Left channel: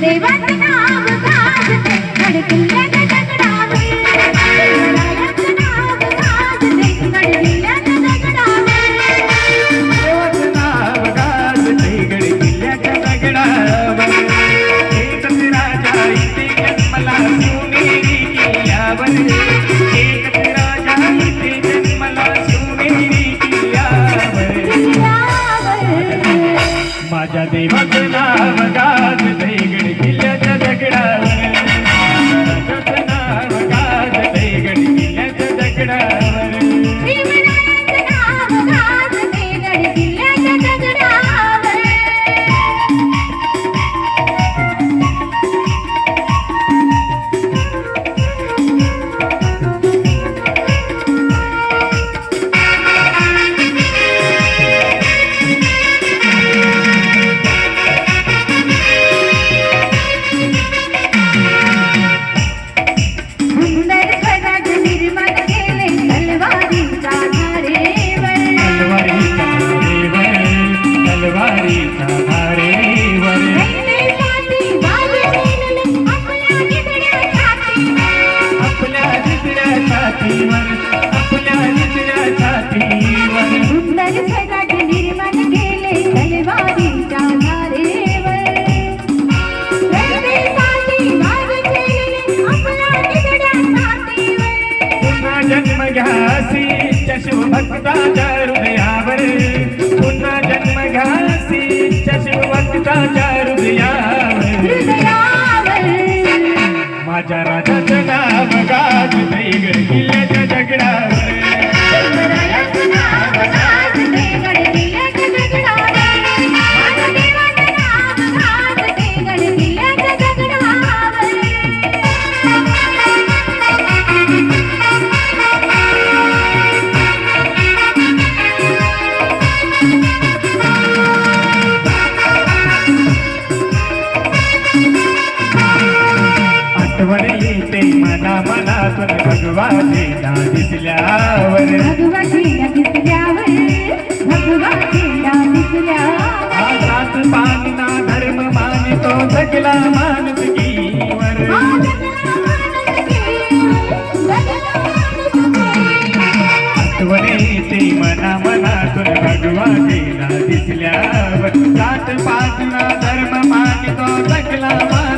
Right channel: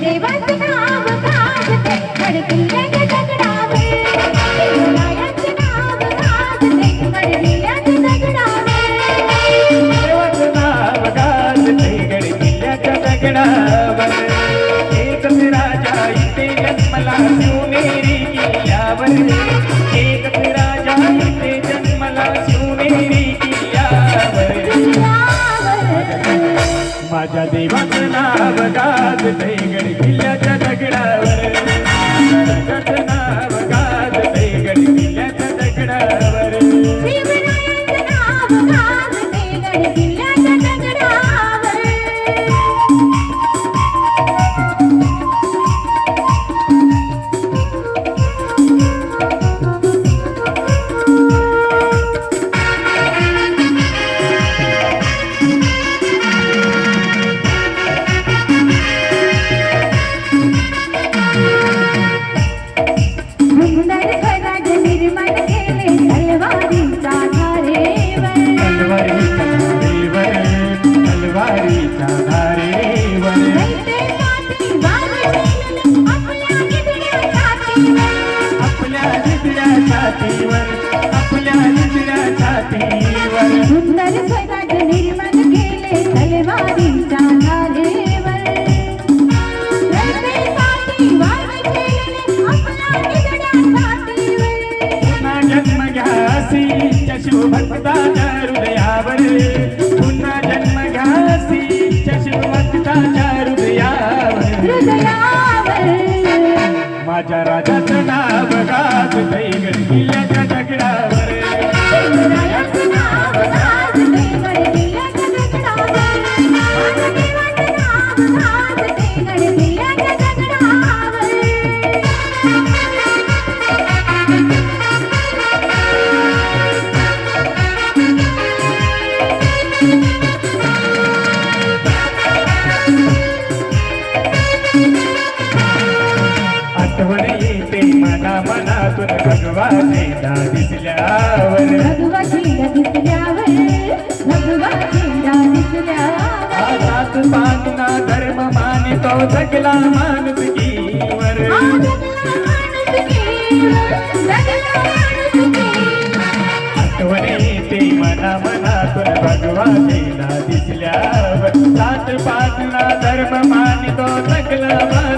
देवाचं नाव घालते दिसते माझ्या मनातून भगवा चेंडा दिसल्यावर भगवा चेंडा दिसल्यावर भगवा चेंडा दिसल्यावर आजात पातना धर्म मानितो जगला माणुसकीवर आठवणी ते मना मनातून भगवा चेंडा दिसल्यावर जात पातना धर्म मानितो जगला माणुसकीवर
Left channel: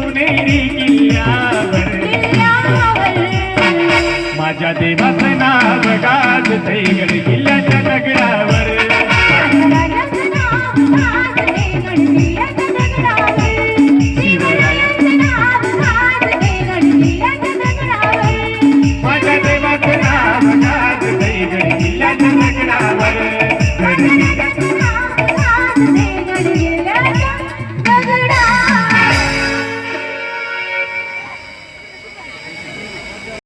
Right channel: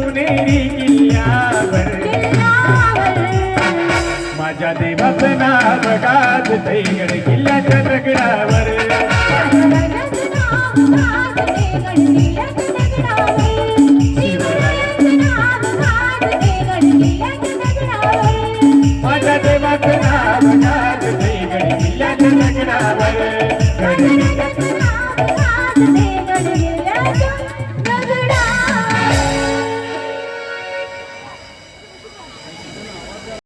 Yeah.